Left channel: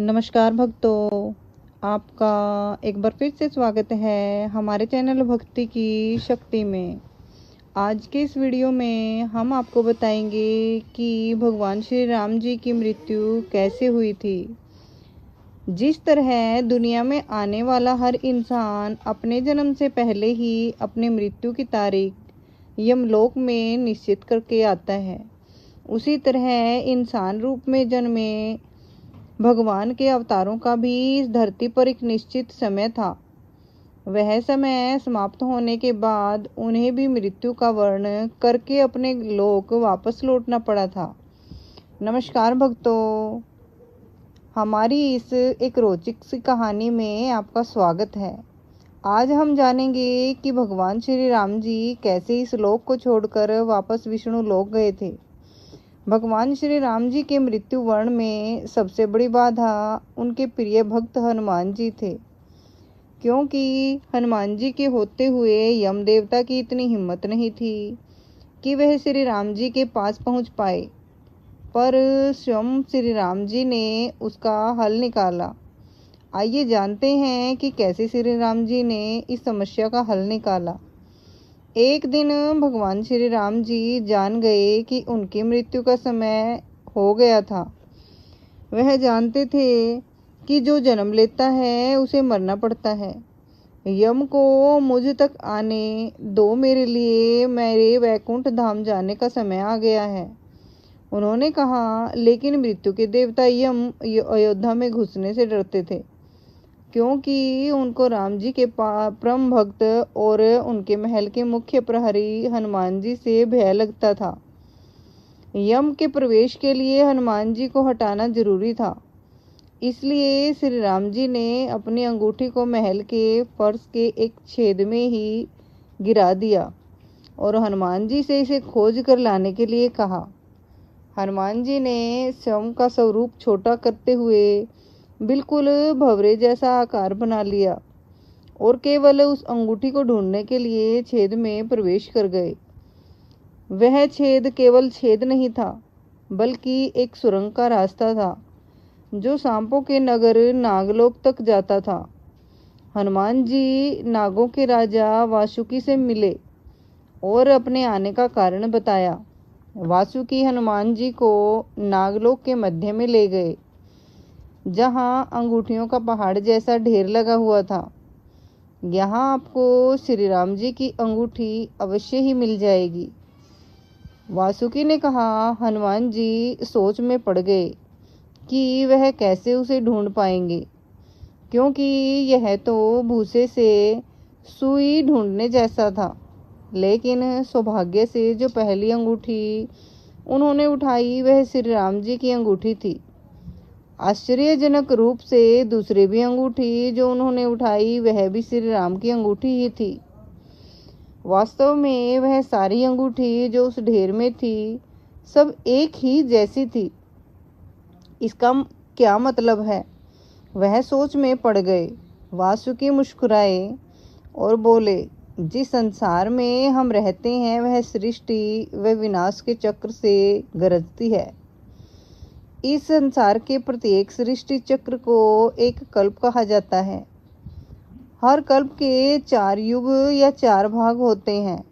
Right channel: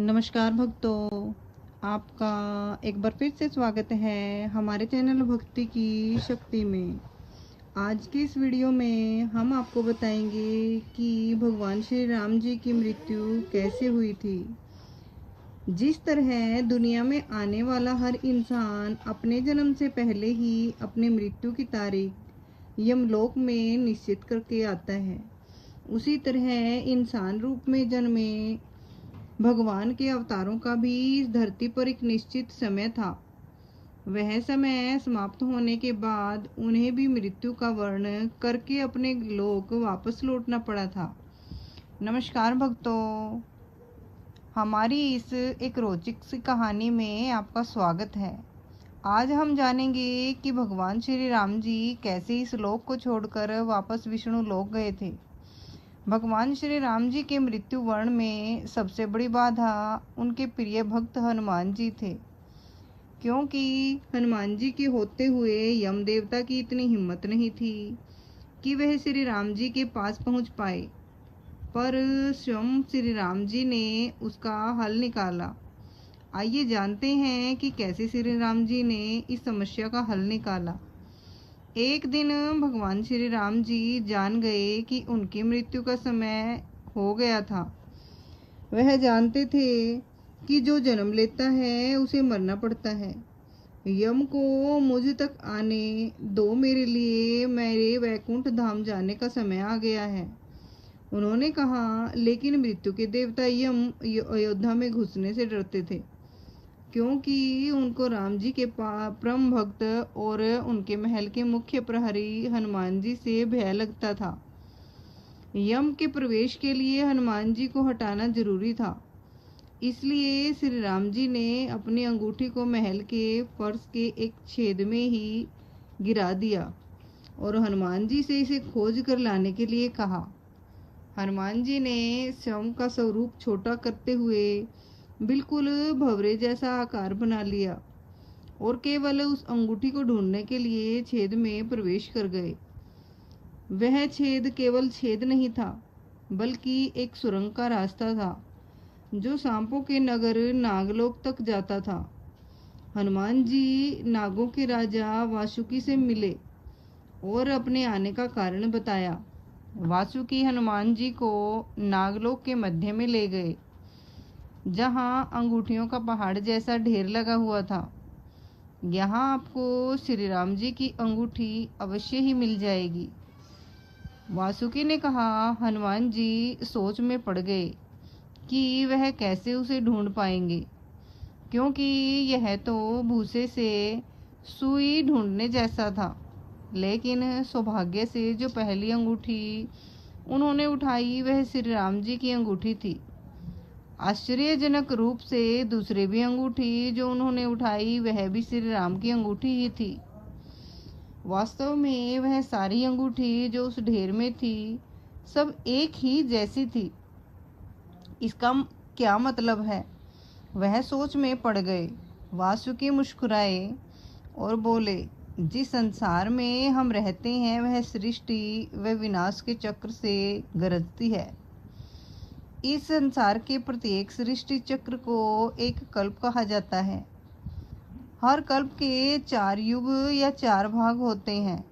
नमस्कार भक्तों, आपका एक बार फिर से स्वागत है हमारे चैनल भक्ति की शक्ति में। आज के इस वीडियो में हम आपको बताएंगे कि भगवान श्री राम जी की मृत्यु कैसे हुई थी। जिस तरह दुनिया में आने वाला हर इंसान अपने जन्म से पहले ही अपने मृत्यु की तारीख यमलोक में निश्चित करके आता है, उसी तरह इंसान रूप में जन्मे भगवान के अवतारों का भी इस धरती पर एक निश्चित समय था। वह समय समाप्त होने के बाद उन्हें भी मृत्यु का वर्ण करके अपने लोक वापस लौटना पड़ा था। नमस्कार भक्तों, हमारी इस एक रोचक सी कहानी में आपका स्वागत है। आज हम जानेंगे कि भगवान श्री राम जी कैसे इस लोक को छोड़कर वापस विष्णु लोक गए थे। भगवान श्री राम जी के मृत्यु वर्ण में सबसे बड़ी बाधा उनके प्रिय भक्त हनुमान जी थे, क्योंकि हनुमान जी के होते हुए यम देवता की इतनी हिम्मत नहीं थी कि वह श्री राम जी के पास पहुंच पाए, पर स्वयं श्री राम जी ने उसका हल निकाला। आइए जानते हैं कि कैसे श्री राम जी ने इस समस्या का हल निकाला। एक दिन भगवान श्री राम जी जान गए कि उनकी मृत्यु का समय हो गया था। वह जानते थे कि जो जन्म लेता है उसे मरना पड़ता है। यम को मुझ तक आने दो, मेरे लिए मेरे वैकुंठ धाम जाने का समय आ गया है, उन्होंने कहा। लेकिन मृत्यु के देवता यम अयोध्या में घुसने से डरते थे, क्योंकि उनको राम जी के परम भक्त और उनके महल के मुख्य प्रहरी हनुमान जी से भय लगता था। यम के प्रवेश के लिए हनुमान जी को हटाना जरूरी था, इसलिए श्री राम जी ने अपनी अंगूठी को महल के फर्श के एक छेद में ही गिरा दिया और हनुमान जी से इसे खोज कर लाने के लिए कहा। हनुमान जी ने स्वयं का स्वरूप छोटा करते हुए बिल्कुल भंवरे जैसा आकार बना लिया और केवल उस अंगूठी को ढूंढने के लिए छेद में प्रवेश कर गए। वह छेद केवल छेद नहीं था, बल्कि एक सुरंग का रास्ता था जो सांपों के नगर नागलोक तक जाता था। हनुमान जी नागों के राजा वासुकी से मिले और अपने आने का कारण बताया। वासुकी हनुमान जी को नागलोक के मध्य में ले गए, जहां अंगूठियों का पहाड़ जैसा ढेर लगा हुआ था। यहाँ आपको श्री राम जी की अंगूठी अवश्य ही मिल जाएगी, वासुकी ने कहा। हनुमान जी सोच में पड़ गए कि वह कैसे उसे ढूंढ पाएंगे, क्योंकि यह तो भूसे से सुई ढूंढने जैसा था। लेकिन सौभाग्य से जो पहली अंगूठी उन्होंने उठाई वह श्री राम जी की अंगूठी थी। आश्चर्यजनक रूप से दूसरी भी अंगूठी जो उन्होंने उठाई वह भी श्री राम की अंगूठी ही थी। वास्तव में वह सारी अंगूठी जो उस ढेर में थी सब एक ही जैसी थी। इसका क्या मतलब है? वह सोच में पड़ गए। वासुकी मुस्कुराए और बोले, जिस संसार में हम रहते हैं वह सृष्टि व विनाश के चक्र से गरजती है। इस संसार के प्रत्येक सृष्टि चक्र को एक कल्प कहा जाता है। हर कल्प के 4 युग या 4 भाग होते हैं।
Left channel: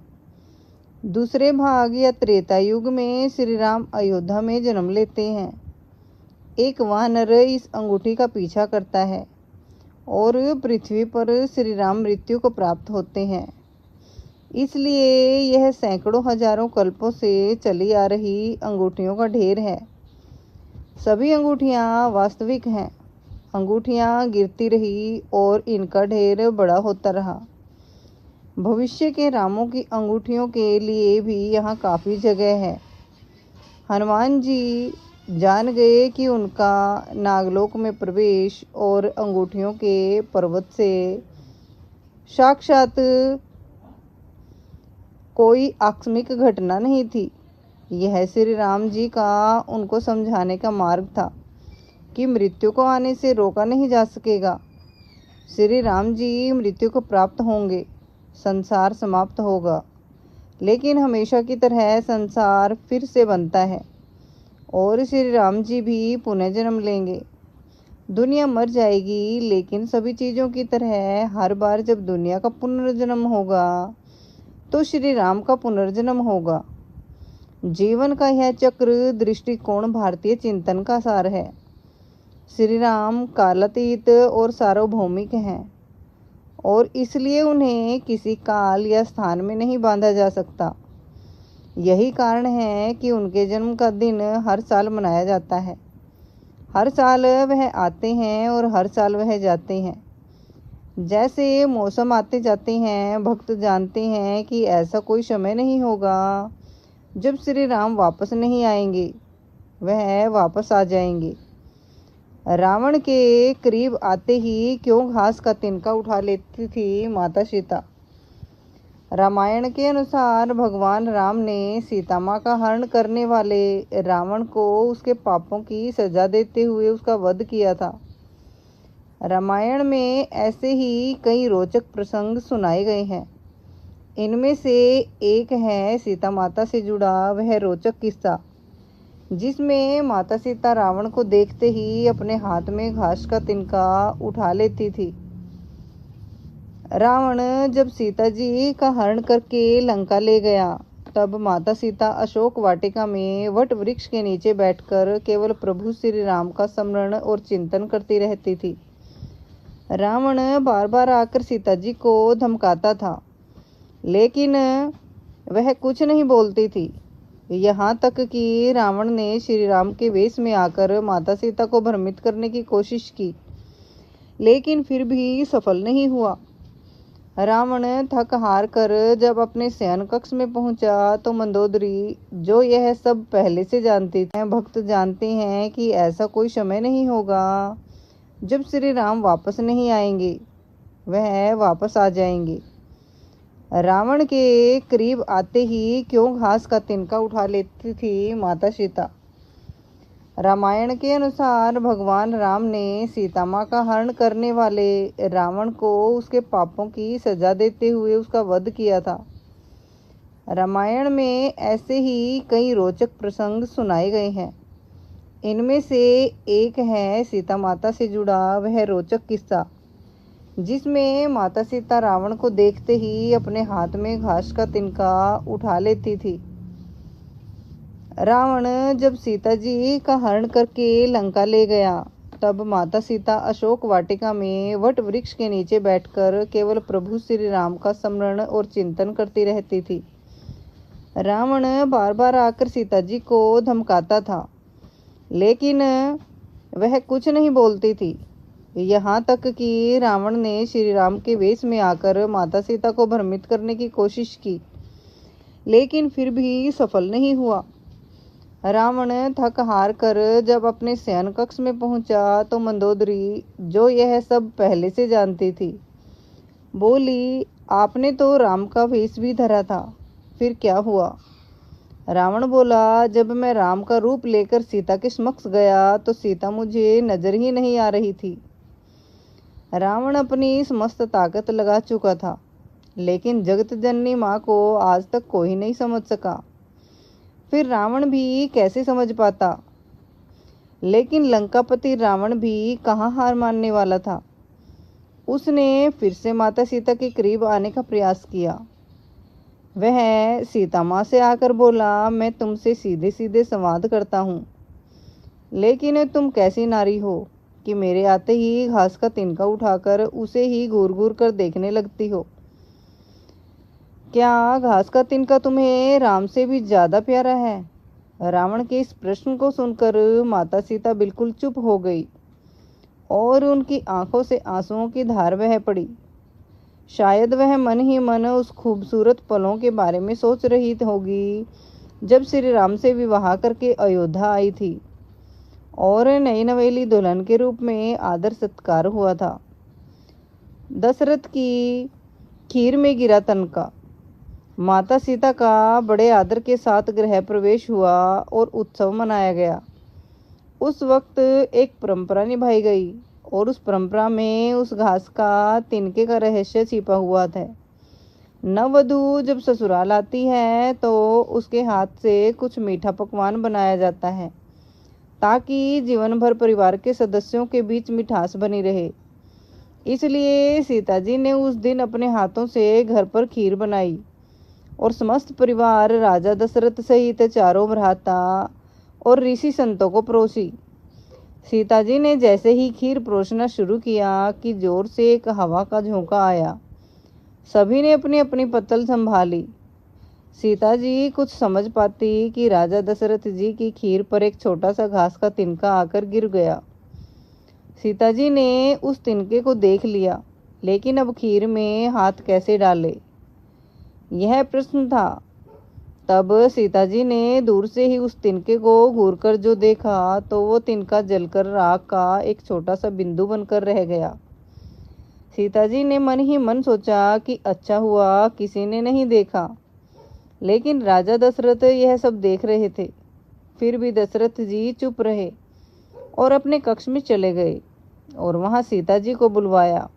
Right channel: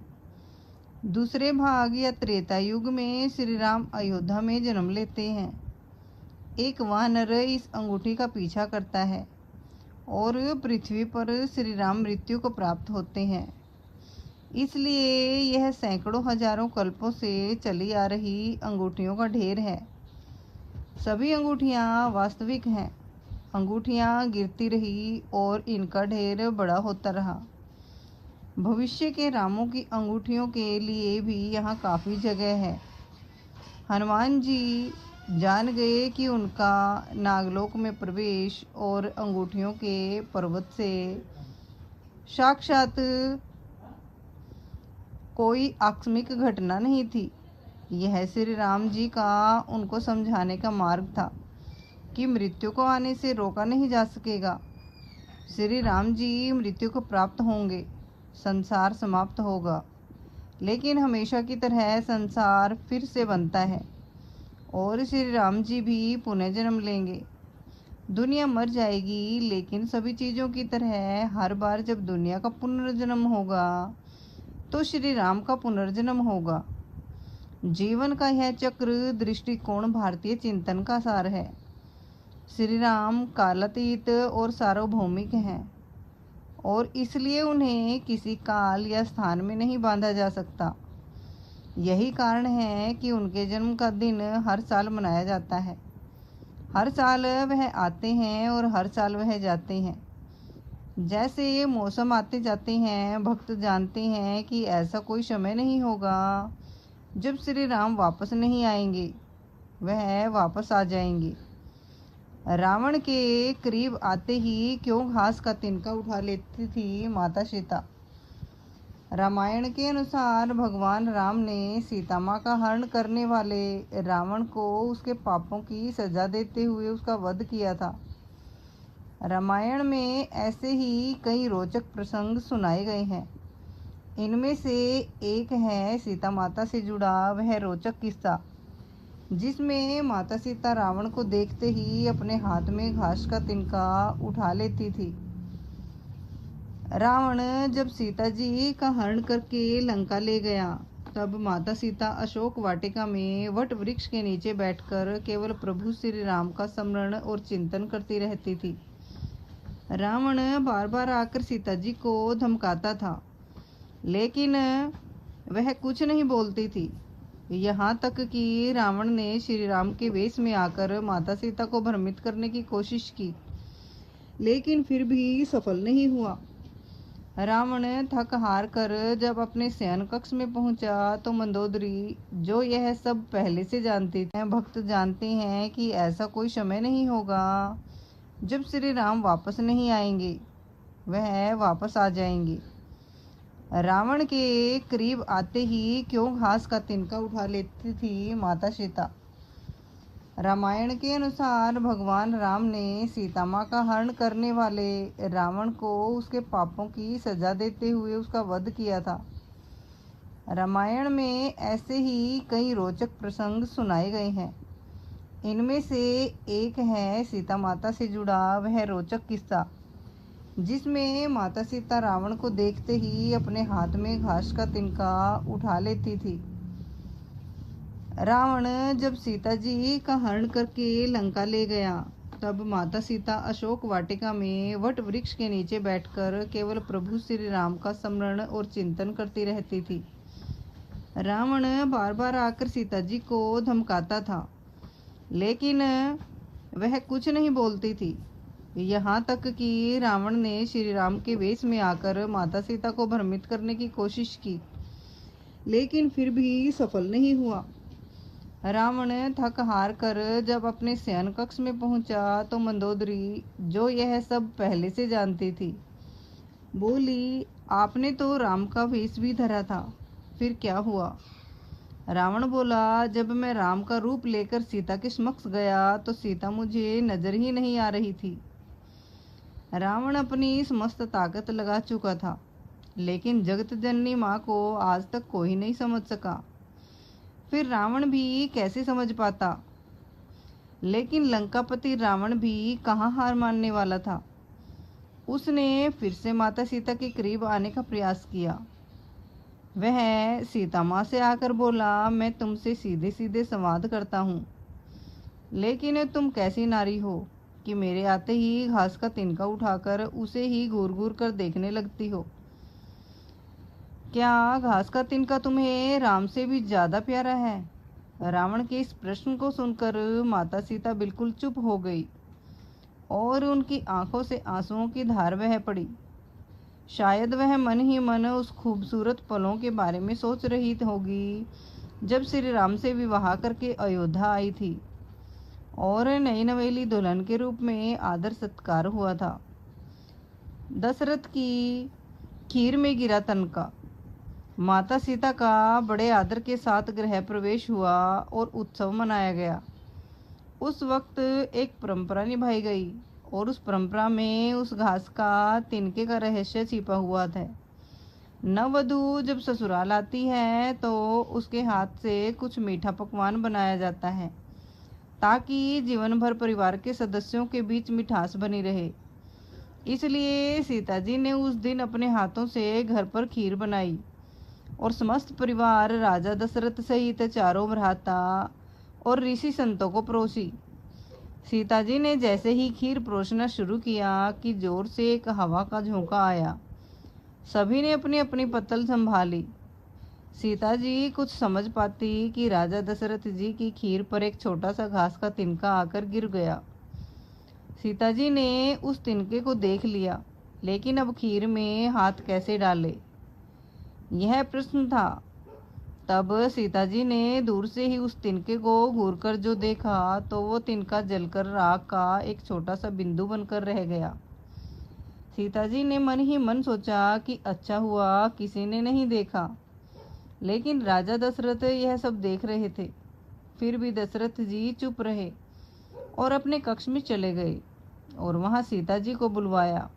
दूसरे भाग या त्रेता युग में श्री राम अयोध्या में जन्म लेते हैं। एक वानर इस अंगूठी का पीछा करता है और पृथ्वी पर श्री राम मृत्यु को प्राप्त होते हैं। इसलिए यह सैकड़ों हजारों कल्पों से चली आ रही अंगूठियों का ढेर है। सभी अंगूठियां वास्तविक हैं। अंगूठियां गिरती रही और इनका ढेर बड़ा होता रहा। भविष्य के रामों की अंगूठियों के लिए भी यहाँ काफ़ी जगह है। हनुमान जी जान गए कि उनका नागलोक में प्रवेश और अंगूठियों के पर्वत से साक्षात कोई आकस्मिक घटना नहीं थी। यह श्री राम जी का उनको समझाने का मार्ग था कि मृत्यु को आने से रोका नहीं जा सकेगा। श्री राम जी मृत्यु को प्राप्त होंगे, संसार समाप्त होगा, लेकिन हमेशा की तरह संसार फिर से बनता है और श्री राम जी भी पुनः जन्म लेंगे। दुनिया मर जाएगी, लेकिन सभी चीज़ों की तरह हर बार जब दुनिया का पुनर्जन्म होगा तो श्री राम का पुनर्जन्म होगा। जीवन का यह चक्र दृष्टिकोण भारतीय चिंतन का सार है। श्री राम कालातीत और सार्वभौमिक हैं और इसलिए उन्हें किसी काल या स्थान में नहीं बांधा जा सकता। यही कारण है कि उनके जन्म का दिन हर साल मनाया जाता है। हर साल वह आते हैं और हर साल वह जाते हैं। जैसे मौसम आते जाते हैं, भक्त जानते हैं कि ऐसा कोई समय नहीं होगा जब श्री राम वापस नहीं आएंगे, वह वापस आ जाएंगे। रावण के करीब आते ही क्यों घास का तिनका उठा लेती थी माता सीता। रामायण के अनुसार भगवान राम ने सीता माँ का हरण करने वाले रावण को उसके पापों की सजा देते हुए उसका वध किया था। रामायण में ऐसे ही कई रोचक प्रसंग सुनाए गए हैं। इनमें से एक है सीता माता से जुड़ा वह रोचक किस्सा, जिसमें माता सीता रावण को देखते ही अपने हाथ में घास का तिनका उठा लेती थी। रावण जब सीता जी का हरण करके लंका ले गया, तब माता सीता अशोक वाटिका में वट वृक्ष के नीचे बैठकर केवल प्रभु श्री राम का स्मरण और चिंतन करती रहती थी। रावण बार बार आकर सीता जी को धमकाता था, लेकिन वह कुछ नहीं बोलती थी। यहाँ तक कि रावण ने श्री राम के वेश में आकर माता सीता को भ्रमित करने की कोशिश की, लेकिन फिर भी सफल नहीं हुआ। रावण थक हार कर जब अपने शयन कक्ष में पहुंचा तो मंदोदरी, जो यह सब पहले से जानती थी, भक्त जानते हैं कि ऐसा कोई समय नहीं होगा जब श्री राम वापस नहीं आएंगे, वह वापस आ जाएंगे। रावण के करीब आते ही क्यों घास का तिनका उठा लेती थी माता सीता। रामायण के अनुसार भगवान राम ने सीता माँ का हरण करने वाले रावण को उसके पापों की सजा देते हुए उसका वध किया था। रामायण में ऐसे ही कई रोचक प्रसंग सुनाए गए हैं। इनमें से एक है सीता माता से जुड़ा वह रोचक किस्सा, जिसमें माता सीता रावण को देखते ही अपने हाथ में घास का तिनका उठा लेती थी। रावण जब सीता जी का हरण करके लंका ले गया, तब माता सीता अशोक वाटिका में वट वृक्ष के नीचे बैठकर केवल प्रभु श्री राम का स्मरण और चिंतन करती रहती थी। रावण बार बार आकर सीता जी को धमकाता था, लेकिन वह कुछ नहीं बोलती थी। यहाँ तक कि रावण ने श्री राम के वेश में आकर माता सीता को भ्रमित करने की कोशिश की, लेकिन फिर भी सफल नहीं हुआ। रावण थक हार कर जब अपने शयन कक्ष में पहुंचा तो मंदोदरी, जो यह सब पहले से जानती थी, बोली, आपने तो राम का वेश भी धरा था, फिर क्या हुआ। रावण बोला, जब मैं राम का रूप लेकर सीता के समक्ष गया तो सीता मुझे नजर ही नहीं आ रही थी। रावण अपनी समस्त ताकत लगा चुका था, लेकिन जगत जननी माँ को आज तक कोई नहीं समझ सका। फिर रावण भी कैसे समझ पाता। लेकिन लंकापति रावण भी कहाँ हार मानने वाला था। उसने फिर से माता सीता के करीब आने का प्रयास किया। वह सीता माँ से आकर बोला, मैं तुमसे सीधे सीधे संवाद करता हूँ, लेकिन तुम कैसी नारी हो कि मेरे आते ही घास का तिनका उठाकर उसे ही घूर घूर कर देखने लगती हो। क्या घास का तिनका तुम्हें राम से भी ज्यादा प्यारा है। रावण के इस प्रश्न को सुनकर माता सीता बिल्कुल चुप हो गई और उनकी आंखों से आंसुओं की धार बह पड़ी। शायद वह मन ही मन उस खूबसूरत पलों के बारे में सोच रही होगी जब श्री राम से विवाह करके अयोध्या आई थी और नई नवेली दुल्हन के रूप में आदर सत्कार हुआ था। दशरथ की खीर में गिरा तनका। माता सीता का बड़े आदर के साथ गृह प्रवेश हुआ और उत्सव मनाया गया। उस वक्त एक परंपरा निभाई गई और उस परंपरा में उस घास का तिनके का रहस्य छिपा हुआ था। नववधू जब ससुराल आती है तो उसके हाथ से कुछ मीठा पकवान बनाया जाता है ताकि जीवन भर परिवार के सदस्यों के बीच मिठास बनी रहे। इसलिए सीता जी ने उस दिन अपने हाथों से घर पर खीर बनाई और समस्त परिवार राजा दशरथ सहित चारों भ्राता और ऋषि संतों को परोसी। सीता जी ने जैसे ही खीर परोसना शुरू किया कि जोर से एक हवा का झोंका आया। सभी ने अपनी अपनी पत्तल संभाली। सीता जी कुछ समझ पाती कि राजा दशरथ जी की खीर पर एक छोटा सा घास का तिनका आकर गिर गया। सीता जी ने उस तिनके को देख लिया, लेकिन अब खीर में हाथ कैसे डाले, यह प्रश्न था। तब सीता जी ने दूर से ही उस तिनके को घूरकर जो देखा तो वो तिनका जलकर राख का एक छोटा सा बिंदु बनकर रह गया। सीता जी ने मन ही मन सोचा कि अच्छा हुआ किसी ने नहीं देखा। लेकिन राजा दशरथ यह सब देख रहे थे। फिर भी दशरथ जी चुप रहे और अपने कक्ष में चले गए और वहां सीता जी को बुलवाया।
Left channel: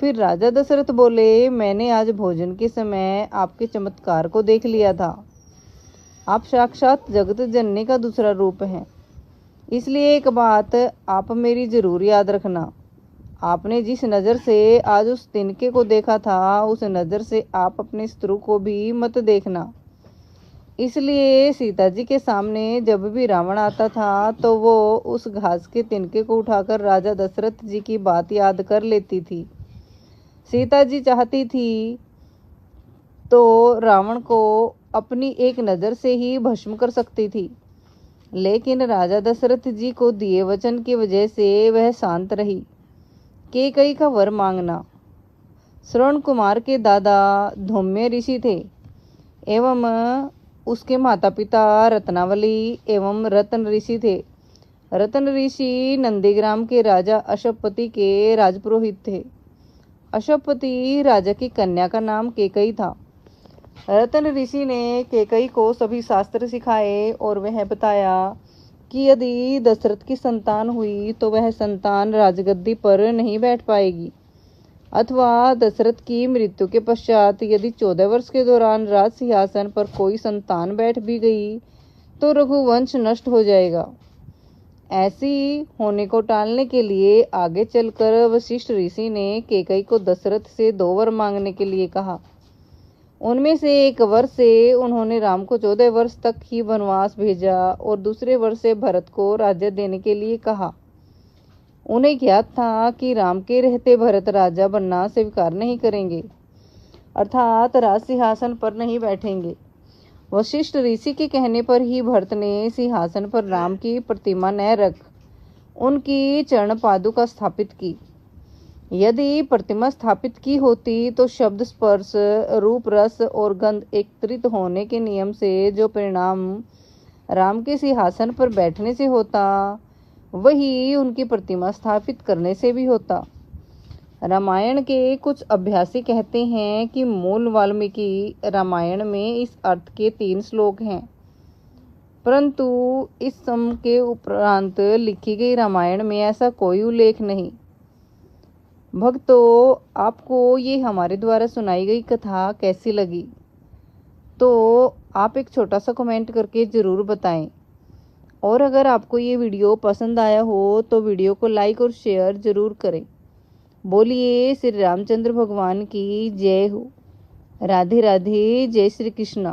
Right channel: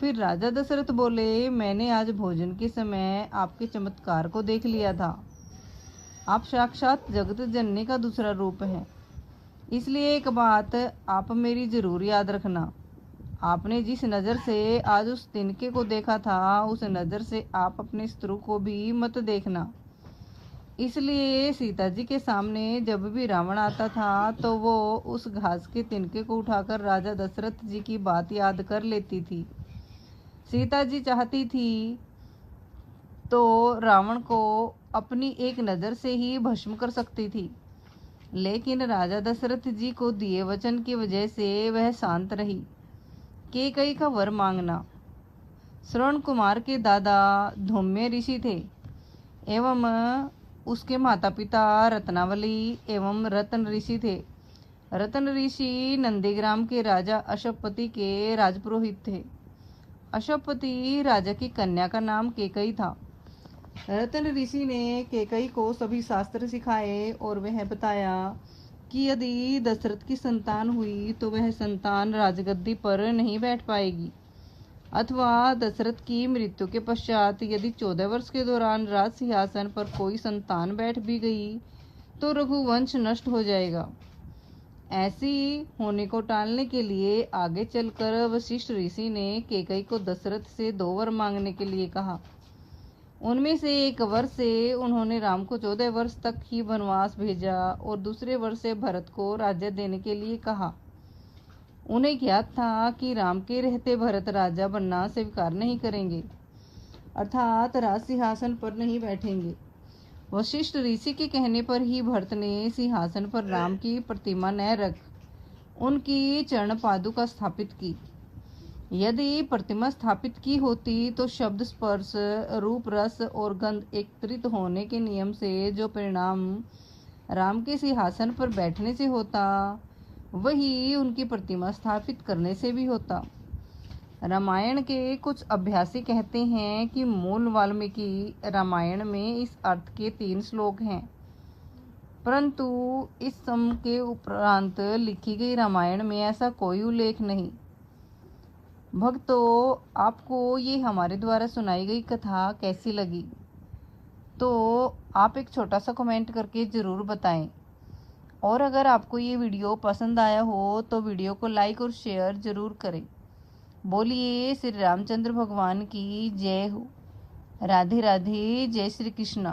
फिर राजा दशरथ बोले, मैंने आज भोजन के समय आपके चमत्कार को देख लिया था। आप साक्षात जगत जननी का दूसरा रूप हैं। इसलिए एक बात आप मेरी जरूर याद रखना। आपने जिस नज़र से आज उस तिनके को देखा था, उस नज़र से आप अपने शत्रु को भी मत देखना। इसलिए सीता जी के सामने जब भी रावण आता था तो वो उस घास के तिनके को उठाकर राजा दशरथ जी की बात याद कर लेती थी। सीता जी चाहती थी तो रावण को अपनी एक नज़र से ही भस्म कर सकती थी, लेकिन राजा दशरथ जी को दिए वचन की वजह से वह शांत रही। कैकेयी का वर मांगना। श्रवण कुमार के दादा धौम्य ऋषि थे एवं उसके माता पिता रत्नावली एवं रतन ऋषि थे। रतन ऋषि नंदीग्राम के राजा अशोकपति के राजपुरोहित थे। अशोकपति राजा की कन्या का नाम कैकेयी था। रतन ऋषि ने कैकेयी को सभी शास्त्र सिखाए और वह बताया कि यदि दशरथ की संतान हुई तो वह संतान राजगद्दी पर नहीं बैठ पाएगी, अथवा दशरथ की मृत्यु के पश्चात यदि 14 वर्ष के दौरान राज सिंहासन पर कोई संतान बैठ भी गई तो रघुवंश नष्ट हो जाएगा। ऐसी होने को टालने के लिए आगे चलकर वशिष्ठ ऋषि ने कैकेयी को दशरथ से 2 वर मांगने के लिए कहा। उनमें से एक वर से उन्होंने राम को 14 वर्ष तक ही वनवास भेजा और दूसरे वर से भरत को राज्य देने के लिए कहा। उन्हें ज्ञात था कि राम के रहते भरत राजा बनना स्वीकार नहीं करेंगे, अर्थात राज सिंहासन पर नहीं बैठेंगे। वशिष्ठ ऋषि के कहने पर ही भरत ने सिंहासन पर राम की प्रतिमा न रख उनकी चरण पादुका स्थापित की। यदि प्रतिमा स्थापित की होती तो शब्द, स्पर्श, रूप, रस और गंध एकत्रित होने के नियम से जो परिणाम राम के सिंहासन पर बैठने से होता, वही उनकी प्रतिमा स्थापित करने से भी होता। रामायण के कुछ अभ्यासी कहते हैं कि मूल वाल्मीकि रामायण में इस अर्थ के 3 श्लोक हैं, परंतु इस सम के उपरांत लिखी गई रामायण में ऐसा कोई उल्लेख नहीं। भक्तों, आपको ये हमारे द्वारा सुनाई गई कथा कैसी लगी तो आप एक छोटा सा कमेंट करके ज़रूर बताएं। और अगर आपको ये वीडियो पसंद आया हो तो वीडियो को लाइक और शेयर ज़रूर करें। बोलिए श्री रामचंद्र भगवान की जय हो। राधे राधे। जय श्री कृष्ण।